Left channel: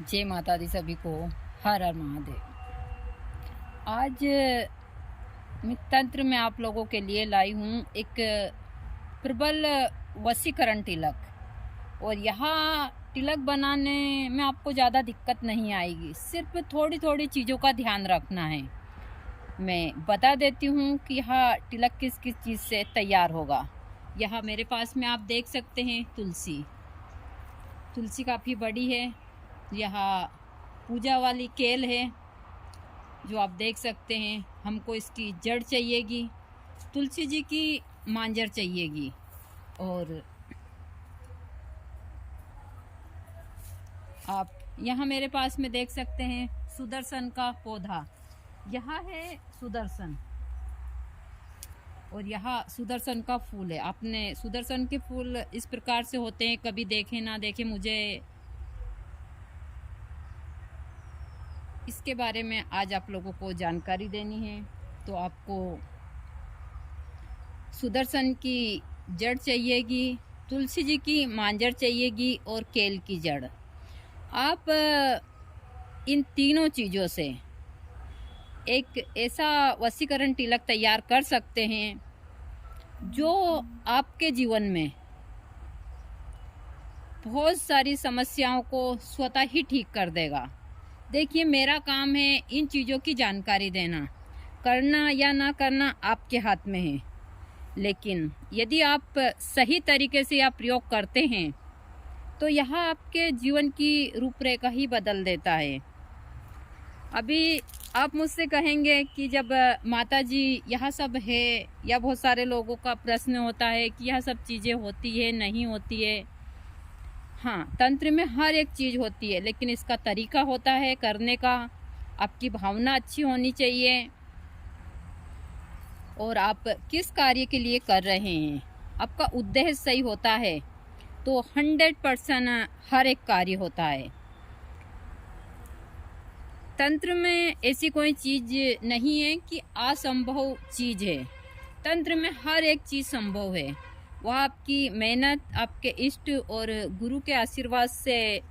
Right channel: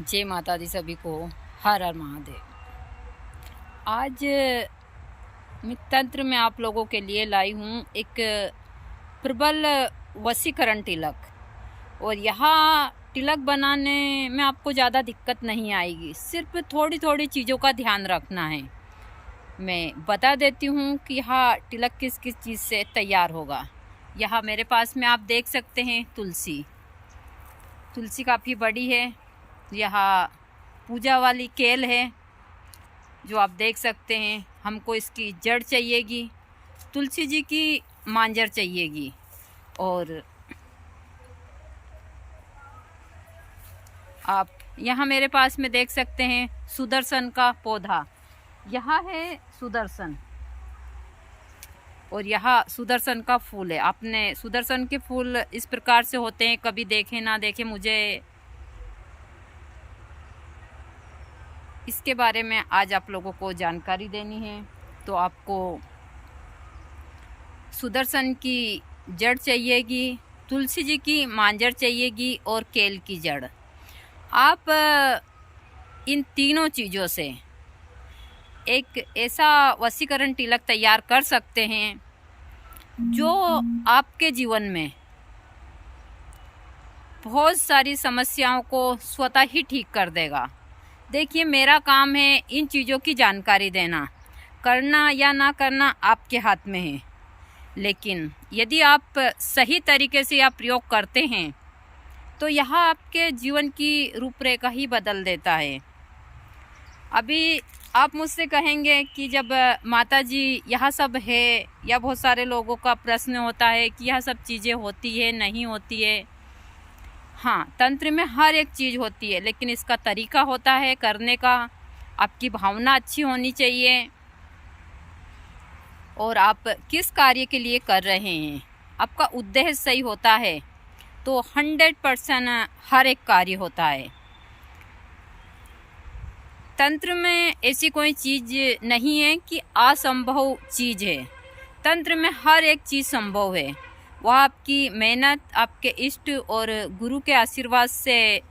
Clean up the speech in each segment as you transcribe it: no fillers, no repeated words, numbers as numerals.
जय माता दी सभी को। हर हर महादेव। आज मैं तंत्र में आप लोगों के लिए लाई हूँ एक प्रबल वशीकरण तिलक। और यहाँ तिलक बनाने में आपको ज़्यादा दिक्कत नहीं आएगी, सिर्फ थोड़ी थोड़ी चीज़ों का ध्यान रखना है। मैं बता देती हूँ कि यहाँ तिलक किस किस चीज़ से तैयार होगा। यहाँ मेरे पास में आप देख सकते हैं तुलसी। तुलसी काफ़ी बड़ी है। यहाँ पूजा वाली केल है जो आप देख सकते हैं। हमको इसकी जड़ चाहिएगी, तुलसी जी की मांजर चाहिएगी, और आप यहाँ मेरे पास में देख सकते हैं सुदर्शन का पौधा। यहाँ है सुदर्शन, और यहाँ सुदर्शन का फूल है। आपने सुदर्शन के फूल इस प्रकार से होते हैं, कभी देखे ना देखे, मुझे इसके बारे में आज आप लोगों को जानकारी देनी है। तो आपको सुदर्शन की जड़ चाहिएगी, तुलसी जी की मांजर चाहिएगी, और केल की जड़। आप इन तीनों चीज़ों से एक ऐसा वशीकरण तिलक तैयार कर सकते हैं जो आपके जीवन में बहुत सारी समस्याओं को स्वतः ही ठीक कर देगा। देखिए, मेरा काम है इन चीज़ों की जानकारी देना। करना या ना करना आपके हाथ में है, लेकिन यदि आप सही तरीके से यह प्रयोग करते हैं तो यह आपके जीवन की रूपरेखा ही बदल देता है। अभी आप मुझसे कहेंगे कि जब माता जी यह सब है, या बहुत सारे लोगों का प्रश्न होता है कि यह सब चीज़ें होती है नहीं होती है। हाँ, तंत्र में हर एक चीज़ होती है, लेकिन इसका तरीका होता है करने का। आपकी भावना अच्छी होनी चाहिए, और आप किस कार्य के लिए कर रहे हैं, आपका उद्देश्य सही होता है तो 100% हर एक कार्य होता है। तंत्र में ऐसी कोई चीज़ नहीं है कि असंभव चीज़ है। तंत्र में हर एक चीज़ संभव है। वह आपकी मेहनत, आपके इष्ट और गुरु के आशीर्वाद से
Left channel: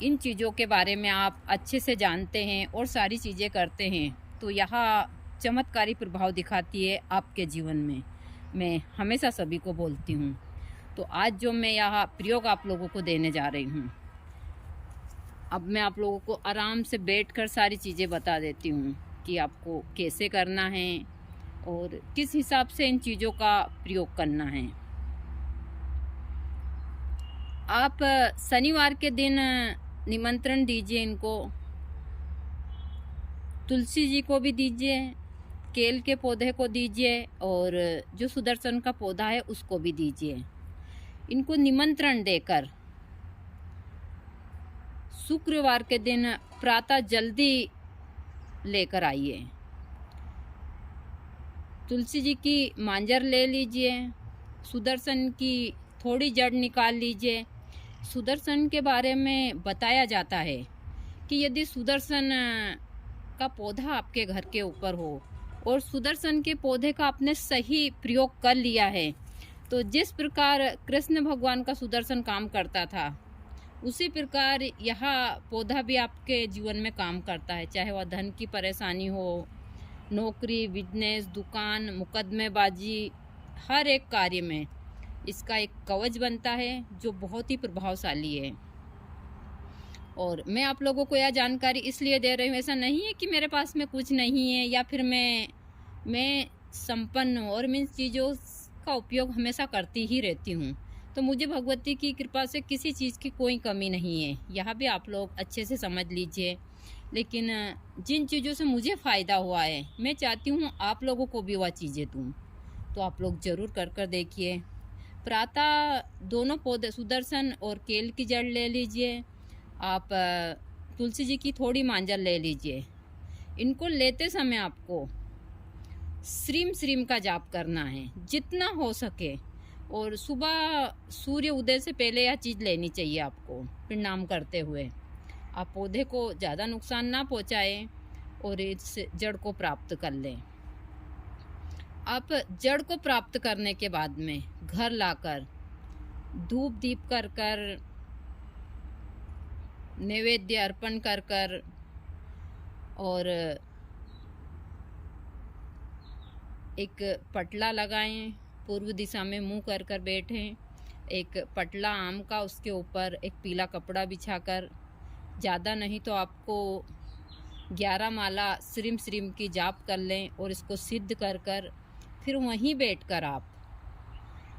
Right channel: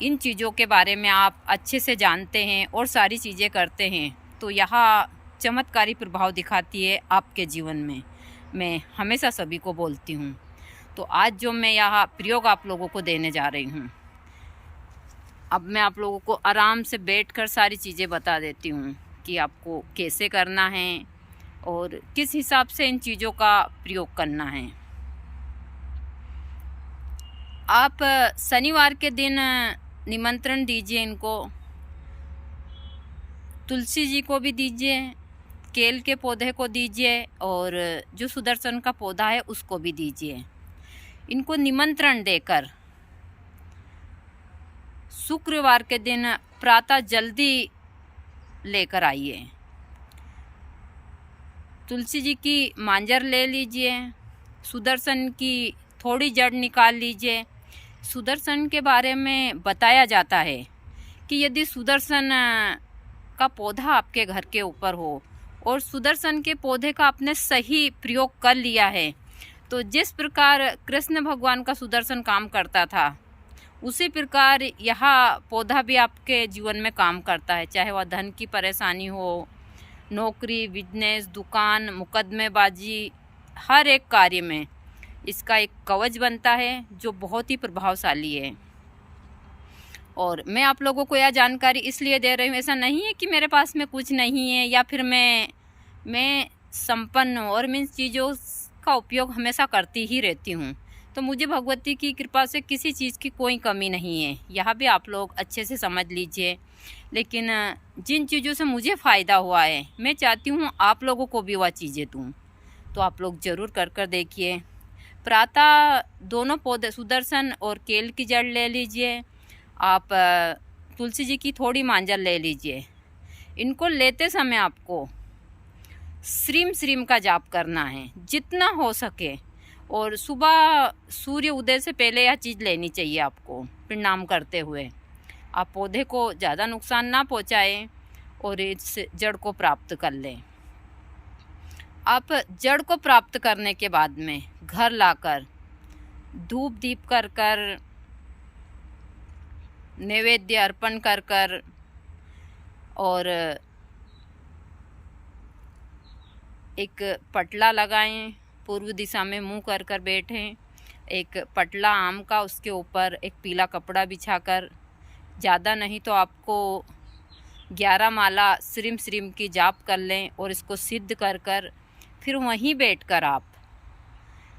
इन चीज़ों के बारे में आप अच्छे से जानते हैं और सारी चीज़ें करते हैं, तो यहाँ चमत्कारी प्रभाव दिखाती है आपके जीवन में। मैं हमेशा सभी को बोलती हूँ। तो आज जो मैं यहाँ प्रयोग आप लोगों को देने जा रही हूँ, अब मैं आप लोगों को आराम से बैठकर सारी चीज़ें बता देती हूँ कि आपको कैसे करना है और किस हिसाब से इन चीज़ों का प्रयोग करना है। आप शनिवार के दिन निमंत्रण दीजिए इनको। तुलसी जी को भी दीजिए, केल के पौधे को दीजिए, और जो सुदर्शन का पौधा है उसको भी दीजिए। इनको निमंत्रण देकर शुक्रवार के दिन प्रातः जल्दी लेकर आइए। तुलसी जी की मांजर ले लीजिए, सुदर्शन की थोड़ी जड़ निकाल लीजिए। सुदर्शन के बारे में बताया जाता है कि यदि सुदर्शन का पौधा आपके घर के ऊपर हो और सुदर्शन के पौधे का आपने सही प्रयोग कर लिया है, तो जिस प्रकार कृष्ण भगवान का सुदर्शन काम करता था, उसी प्रकार यह पौधा भी आपके जीवन में काम करता है। चाहे वह धन की परेशानी हो, नौकरी, बिजनेस, दुकान, मुकदमेबाजी, हर एक कार्य में इसका एक कवच बनता है जो बहुत ही प्रभावशाली है। और मैं आप लोगों को यह जानकारी इसलिए दे रही हूँ, ऐसा नहीं है कि मेरे पास में कुछ नहीं है या फिर मैं संपन्न हूँ, और मैं इन चीज़ों का उपयोग हमेशा करती ही रहती हूँ। तो मुझे भगवती की कृपा से किसी चीज़ की कोई कमी नहीं है, यह भी आप लोग अच्छे से समझ लीजिए। लेकिन जिन चीज़ों से मुझे फ़ायदा हुआ है, मैं चाहती हूँ आप लोगों को भी वह चीज़ें दूँ। तो आप लोग ज़रूर कर देखिए। प्रातः दोनों पौधे, सुदर्शन और केल की जड़ ले लीजिए। आप तुलसी जी की थोड़ी मांजर ले लीजिए। इनको लेते समय आपको श्रीम श्रीम का जाप करना है जितना हो सके, और सुबह सूर्य उदय से पहले यह चीज़ लेनी चाहिए आपको, प्रणाम करते हुए। आप पौधे को ज़्यादा नुकसान ना पहुँचाएं और इस जड़ को प्राप्त कर लें। आप जड़ को प्राप्त करने के बाद में घर लाकर धूप दीप कर नैवेद्य अर्पण कर कर और एक पटला लगाएं, पूर्व दिशा में मुंह कर कर बैठें। एक पटला आम का, उसके ऊपर एक पीला कपड़ा बिछाकर, ज़्यादा नहीं तो आपको 11 माला श्रीम श्रीम की जाप कर लें और इसको सिद्ध कर कर फिर वहीं बैठकर आप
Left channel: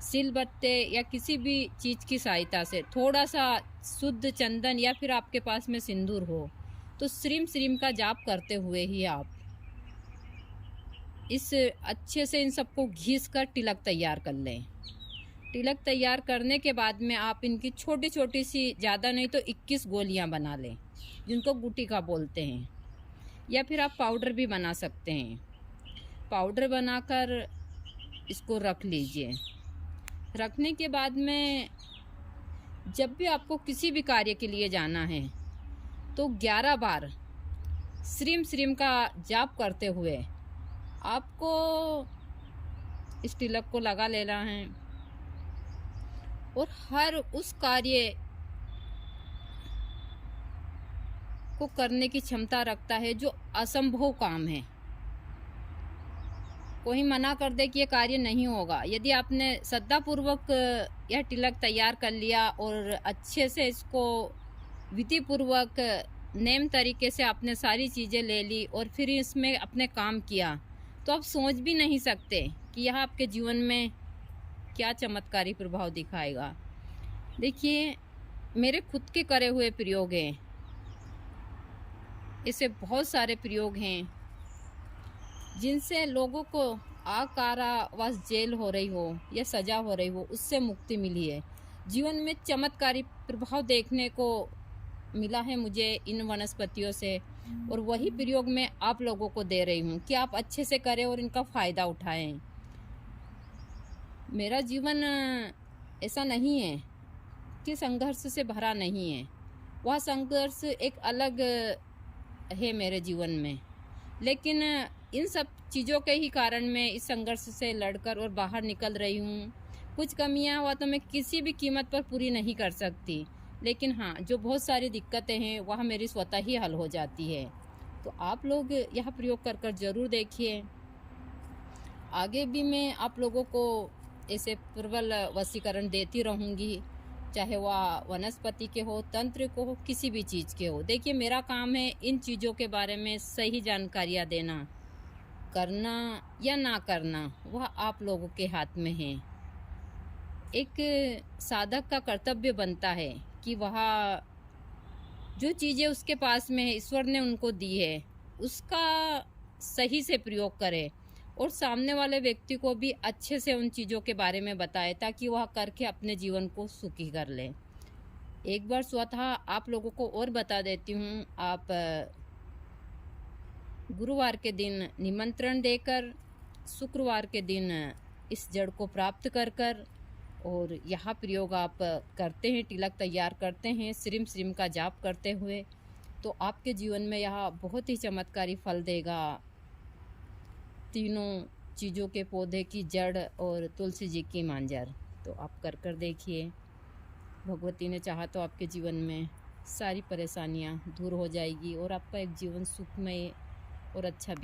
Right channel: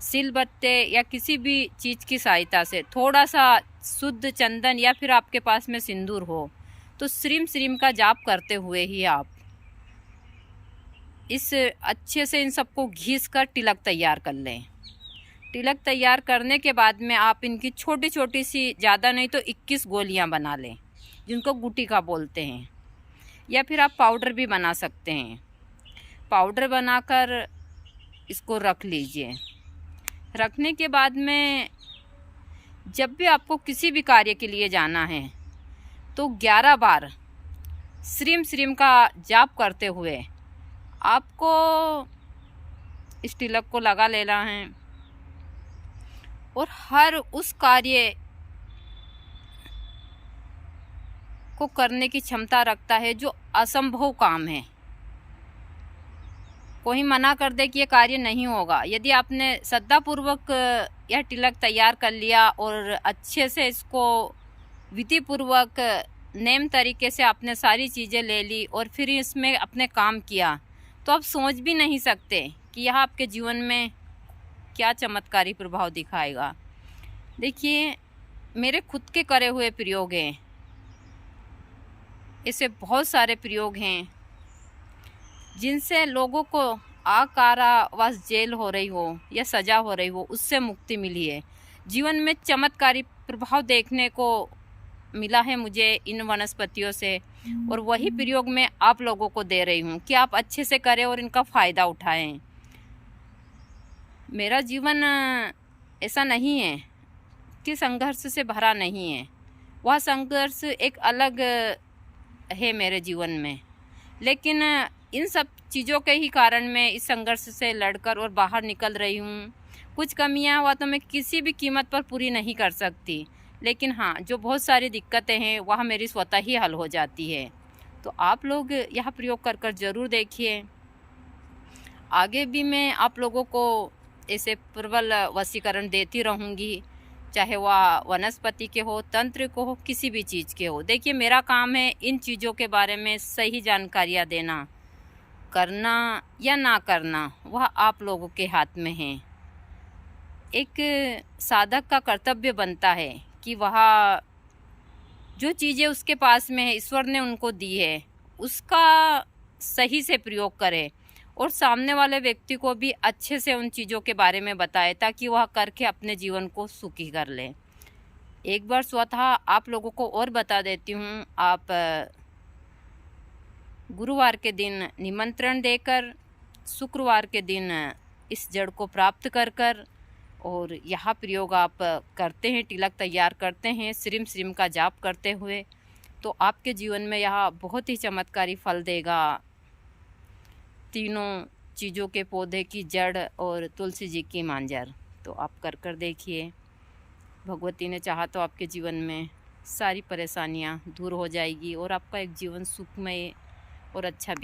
सिलबत्ते या किसी भी चीज़ की सहायता से थोड़ा सा शुद्ध चंदन या फिर आपके पास में सिंदूर हो तो श्रीम श्रीम का जाप करते हुए ही आप इस अच्छे से इन सबको घिस कर तिलक तैयार कर लें। तिलक तैयार करने के बाद में आप इनकी छोटी छोटी सी, ज़्यादा नहीं तो 21 गोलियां बना लें, जिनको गुटिका बोलते हैं, या फिर आप पाउडर भी बना सकते हैं। पाउडर बनाकर इसको रख लीजिए। रखने के बाद में जब भी आपको किसी भी कार्य के लिए जाना है तो 11 बार श्रीम श्रीम का जाप करते हुए आपको इस तिलक को लगा लेना है और हर उस कार्य को करने की क्षमता रखता है जो असंभव काम है। कोई मना कर दे कि ये कार्य नहीं होगा, यदि आपने श्रद्धापूर्वक यह तिलक तैयार कर लिया और अच्छे से इसको विधि पूर्वक नेम तरीके से आपने सारी चीज़ें ले ली और फिर इसमें अपने काम किया, तो आप सोच भी नहीं सकते कि यह आपके जीवन में क्या चमत्कारी प्रभाव दिखाएगा। देखिए, मेरे खुद के करे हुए प्रयोग हैं, ऐसे बहुत सारे प्रयोग हैं जिनसे लोगों को कारावास जेल हो रही हो या सज़ा हो रही हो उससे मुक्ति मिली है। जीवन में चमत्कारी प्रभाव देखने को मिला है मुझे इन वनस्पतियों से, और वही प्रयोग मैं आप लोगों को दे रही हूँ कि आप अच्छे से करें और इनका फ़ायदा उठाएं। मेरा जीवन ऐसा नहीं है कि संघर्ष से भरा नहीं है, वह संघर्ष एक अलग है मेरे जीवन में, लेकिन इन सब चीज़ों के ही कारण मैं इस संघर्ष से लड़कर और बाहर निकल रही हूँ। कुछ कमियाँ हुआ तो मैं किसी भी कीमत पर पूरी नहीं कर सकती, लेकिन हाँ, जो बहुत सारी दिक्कतें हैं वह मेरी स्वतः ही हल हो जाती है। तो आप लोग यह प्रयोग कर कर ज़रूर देखिए। आगे भी मैं आप लोगों को ऐसे प्रबल वशीकरण देती रहूँगी, चाहे वह वनस्पति के हो, तंत्र को हो, किसी भी चीज़ के हो। देखिए, मेरा काम है इन चीज़ों के बारे में सही जानकारियाँ देना। करना या ना करना वह आप लोगों के हाथ में है। एक साधक का कर्तव्य बनता है कि वह जो चीज़ें उसके पास में है, ईश्वर ने उनको दी है, उसका सही से प्रयोग करे और सामने वाले व्यक्ति को भी अच्छे से उन चीज़ों के बारे में बताए, ताकि वह करके अपने जीवन को सुखी कर ले। एक बार स्वतः आप लोगों को और बता देती हूँ, आप गुरुवार के दिन निमंत्रण देकर शुक्रवार के दिन इस जड़ को प्राप्त कर कर और यह प्रयोग आप करते हैं, तिलक तैयार करते हैं श्रीम श्रीम का जाप करते हुए, तो आपके जीवन में यह बहुत ही चमत्कारी फल देगा। तीनों चीज़ों के पौधे की जड़ और तुलसी जी की मांजर, तो आप कर कर देखिए। भगवती ने चाहा तो आपके जीवन में सारी परेशानियां दूर हो जाएगी और आपका एक जीवन सुखमय और अच्छा